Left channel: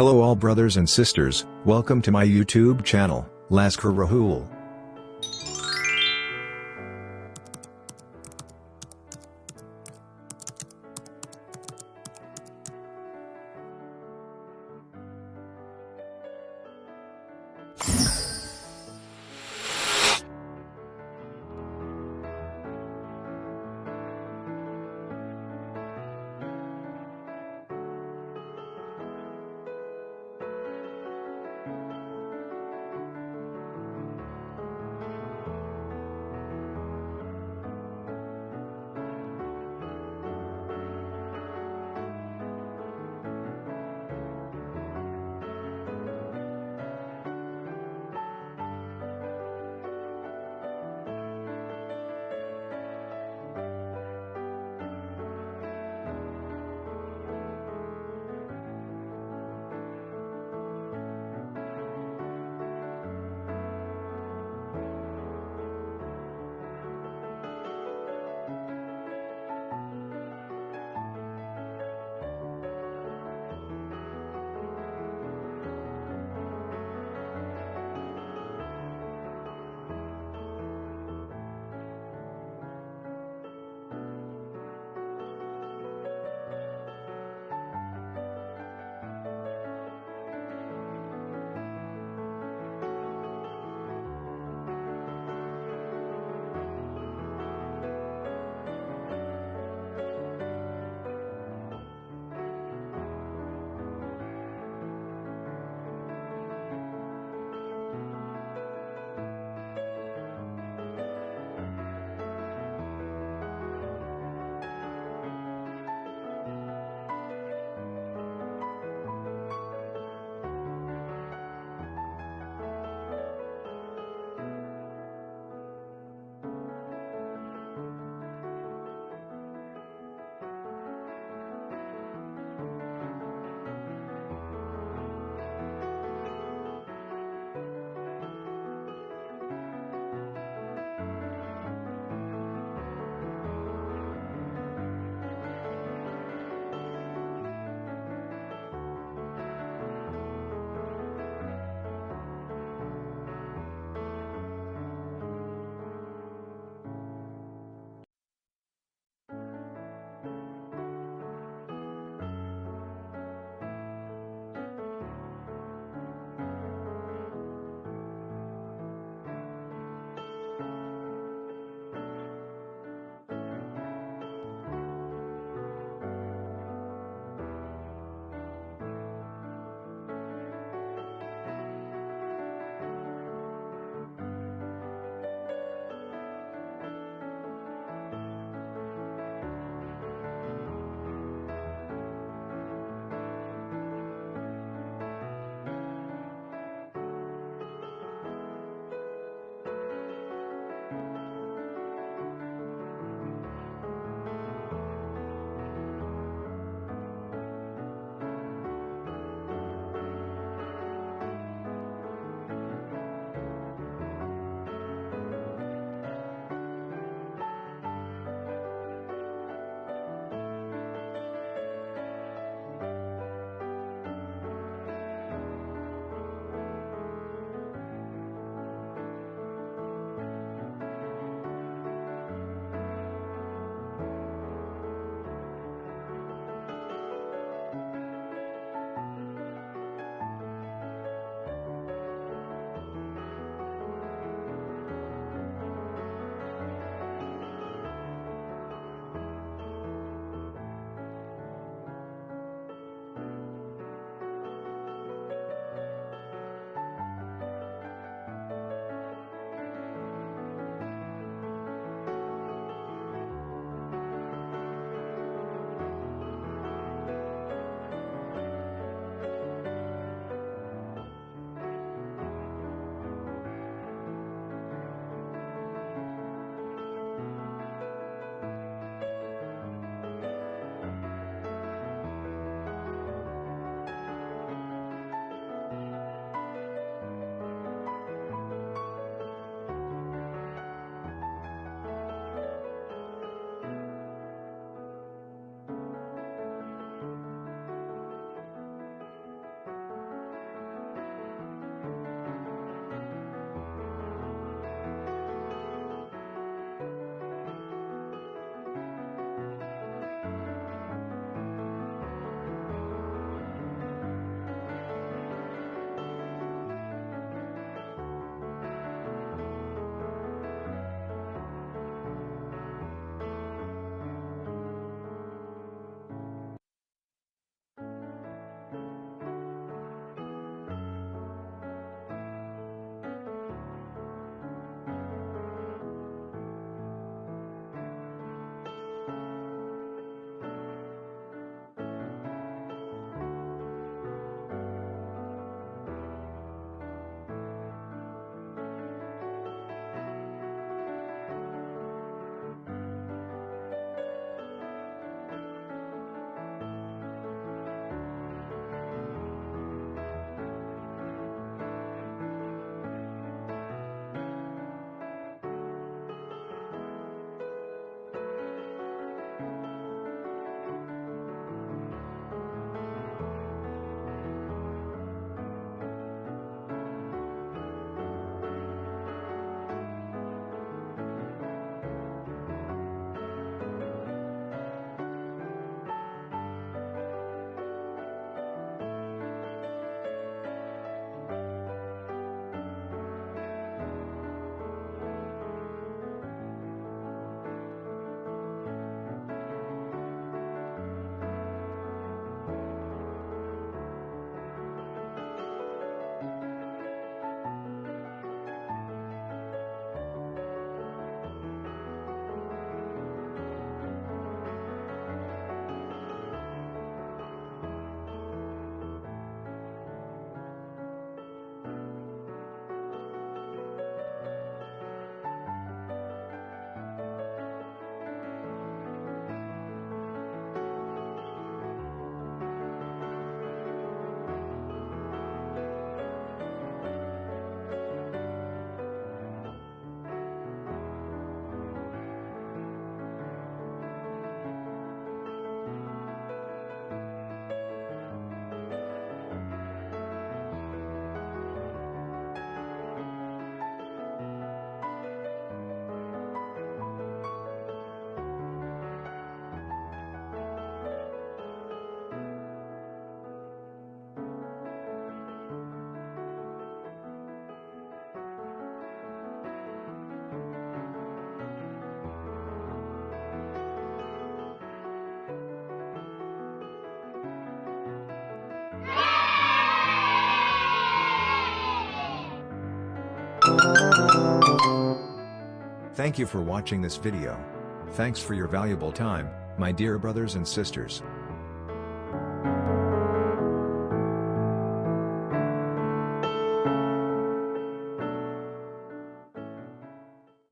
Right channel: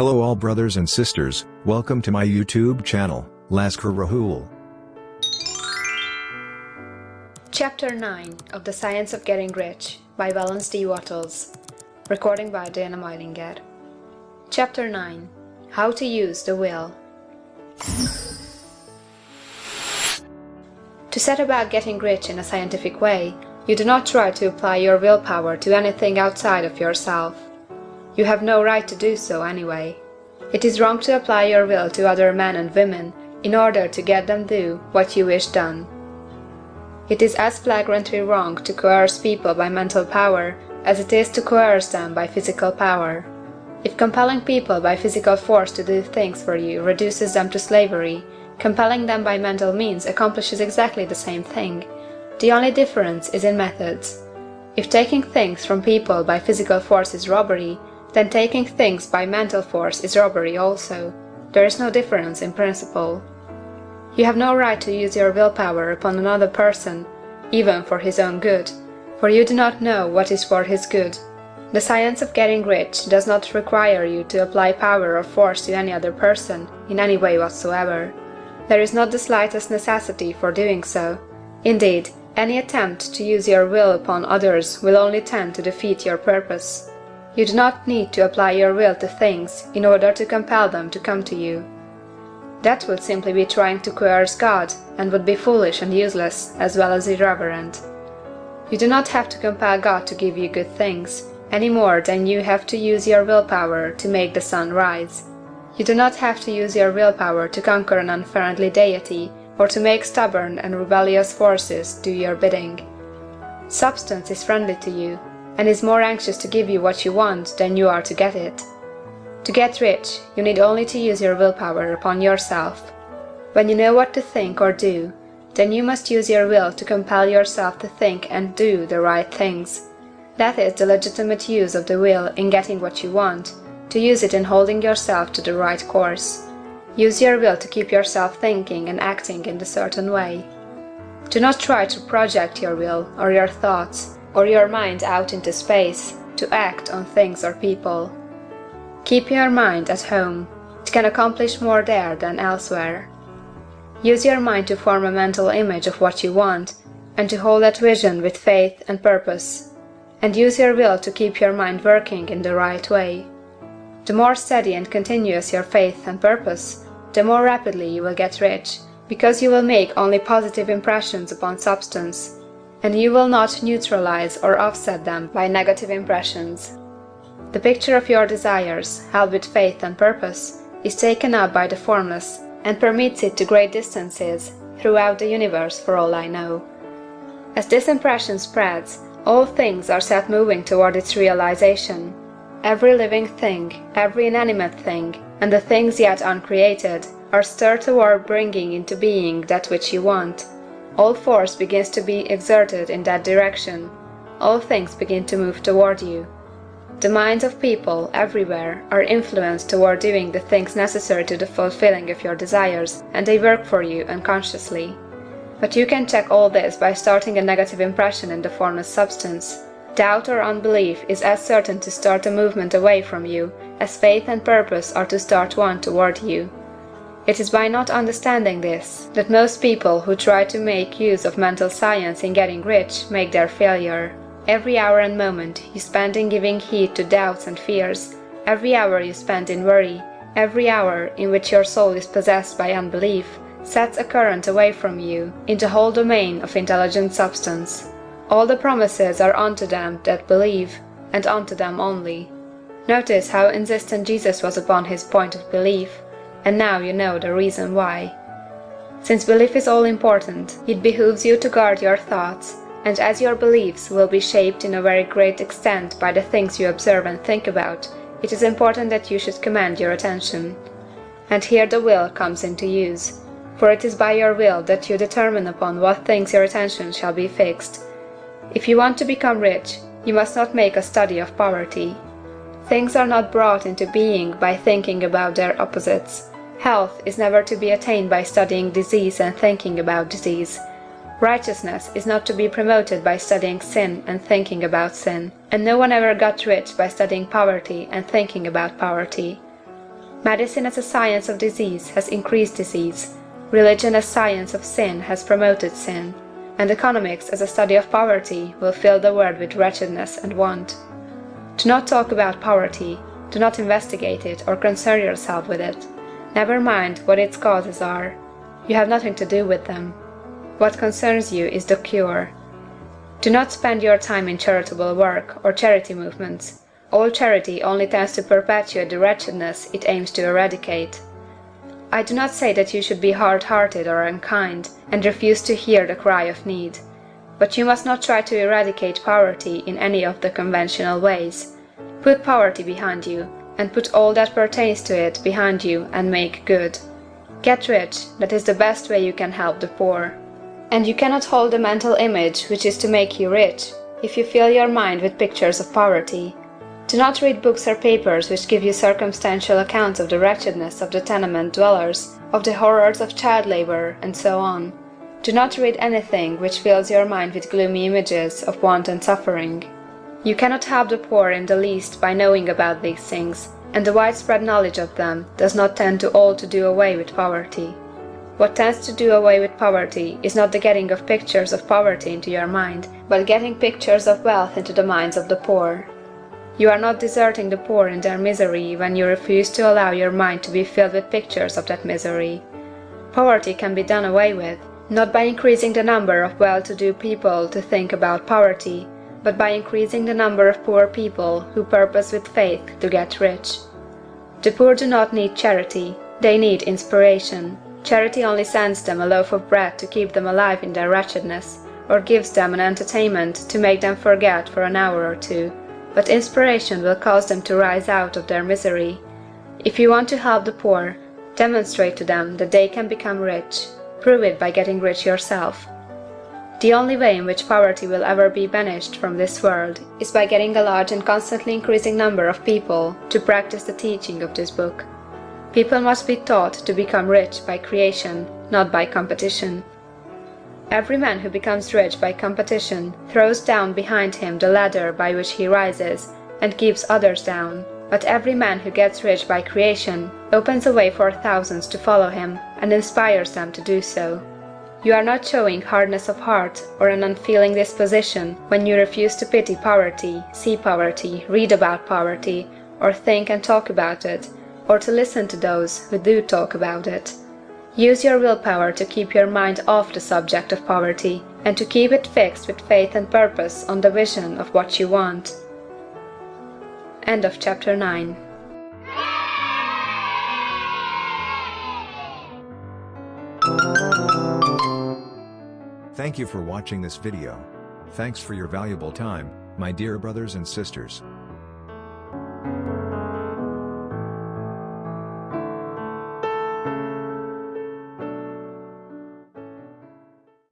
Hello all brothers and sisters, welcome to my YouTube channel, Lascar Raghul. Chapter 9 of The Science of Getting Rich by Wallace D. Wattles. Recording by Majlinger. Chapter 9. How to Use the Will. To set about getting rich in a scientific way, you do not try to apply your willpower to anything outside of yourself. You have no right to do so anyway. It is wrong to apply your will to other men and women in order to get them do what you wish done. It is as flagrantly wrong to coerce people by mental power as it is to coerce them by physical power. If compelling people by physical force to do things for you reduces them to slavery, compelling them by mental means accomplishes exactly the same thing. The only difference is in methods. If taking things from people by physical force is robbery, then taking things by mental force is robbery also. There is no difference in principle. You have no right to use your willpower upon another person, even for his own good, for you do not know what is for his good. The science of getting rich does not require you to apply power or force to any other person, in any way whatsoever. There is not the slightest necessity for doing so. Indeed, any attempt to use your will upon others will only tend to defeat your purpose. You do not need to apply your will to things in order to compel them to come to you. That would simply be trying to coerce God, and would be foolish and useless, as well as irreverent. You do not have to compel God to give you good things, any more than you have to use your willpower to make the sun rise. You do not have to use your willpower to conquer an unfriendly deity, or to make stubborn and rebellious forces do your bidding. Substance is friendly to you, and is more anxious to give you what you want than you are to get it. To get rich, you need only to use your willpower upon yourself. When you know what to think or do, then you must use your will to compel yourself to think and do the right things. That is the legitimate use of the will in getting what you want, to use it in holding yourself to the right course. Use your will to keep yourself thinking and acting in a certain way. Do not try to project your will, or your thoughts, or your mind out into space, to act on things or people. Keep your mind at home. It can accomplish more there than elsewhere. Use your mind to form a mental image of what you want, and to hold that vision with faith and purpose. And use your will to keep your mind working in the right way. The more steady and continuous your faith and purpose, the more rapidly you will get rich, because you will make only positive impressions upon substance, and you will not neutralize or offset them by negative impressions. The picture of your desires, held with faith and purpose, is taken up by the formless, and permits it to great distances throughout the universe for all I know. As this impression spreads, all things are set moving toward its realization. Every living thing, every inanimate thing, and the things yet uncreated, are stirred toward bringing into being that which you want. All force begins to be exerted in that direction. All things begin to move toward you. The minds of people, everywhere, are influenced toward doing the things necessary to the fulfilling of your desires, and they work for you unconsciously. But you can check all this by starting a negative impression in the formless substance. Doubt or unbelief is as certain to start a movement away from you as faith and purpose are to start one toward you. It is by not understanding this that most people who try to make use of mental science in getting rich make their failure. Every hour and moment you spend in giving heed to doubts and fears, every hour you spend in worry, every hour in which your soul is possessed by unbelief, sets a current away from you into the whole domain of intelligent substance. All the promises are unto them that believe, and unto them only. Notice how insistent Jesus was upon his point of belief, and now you know the reason why. Since belief is all important, it behooves you to guard your thoughts, and as your beliefs will be shaped in a very great extent by the things you observe and think about, it is important that you should command your attention. And here the will comes into use, for it is by your will that you determine upon what things your attention shall be fixed. If you want to become rich, you must not make a study of poverty. Things are not brought into being by thinking about their opposites. Health is never to be attained by studying disease and thinking about disease. Righteousness is not to be promoted by studying sin and thinking about sin. And no one ever got rich by studying poverty and thinking about poverty. Medicine as a science of disease has increased disease. Religion as science of sin has promoted sin. And economics as a study of poverty will fill the world with wretchedness and want. Do not talk about poverty. Do not investigate it or concern yourself with it. Never mind what its causes are. You have nothing to do with them. What concerns you is the cure. Do not spend your time in charitable work or charity movements. All charity only tends to perpetuate the wretchedness it aims to eradicate. I do not say that you should be hard-hearted or unkind, and refuse to hear the cry of need. But you must not try to eradicate poverty in any of the conventional ways. Put poverty behind you, and put all that pertains to it behind you, and make good. Get rich, that is the best way you can help the poor. And you cannot hold the mental image which is to make you rich, if you fill your mind with pictures of poverty. Do not read books or papers which give you circumstantial accounts of the wretchedness of the tenement dwellers, of the horrors of child labor, and so on. Do not read anything which fills your mind with gloomy images of want and suffering. You cannot help the poor in the least by knowing about these things, and the widespread knowledge of them does not tend to do away with poverty. What tends to do away with poverty is not the getting of pictures of poverty into your mind, but getting pictures of wealth into the minds of the poor. You are not deserting the poor in their misery when you refuse to allow your mind to be filled with pictures of that misery. Poverty can be done away with, not by increasing the number of well-to-do people to think about poverty, but by increasing the number of poor people who purpose with faith to get rich. The poor do not need charity, they need inspiration. Charity only sends them a loaf of bread to keep them alive in their wretchedness, or gives them an entertainment to make them forget for an hour or two. But inspiration will cause them to rise out of their misery. If you want to help the poor, demonstrate to them that they can become rich. Prove it by getting rich yourself. The only way in which poverty will ever be banished from this world is by getting a large and constantly increasing number of people to practice the teaching of this book. People must be taught to become rich by creation, not by competition. Every man who becomes rich by competition throws down behind him the ladder by which he rises, and keeps others down. But every man who gets rich by creation opens a way for thousands to follow him, and inspires them to do so. You are not showing hardness of heart or an unfeeling disposition when you refuse to pity poverty, see poverty, read about poverty, or think and talk about it, or to listen to those who do talk about it. Use your willpower to keep your mind off the subject of poverty, and to keep it fixed with faith and purpose on the vision of what you want. End of chapter 9. Thank you for watching this video. Thanks for your valuable time, my dear brothers and sisters.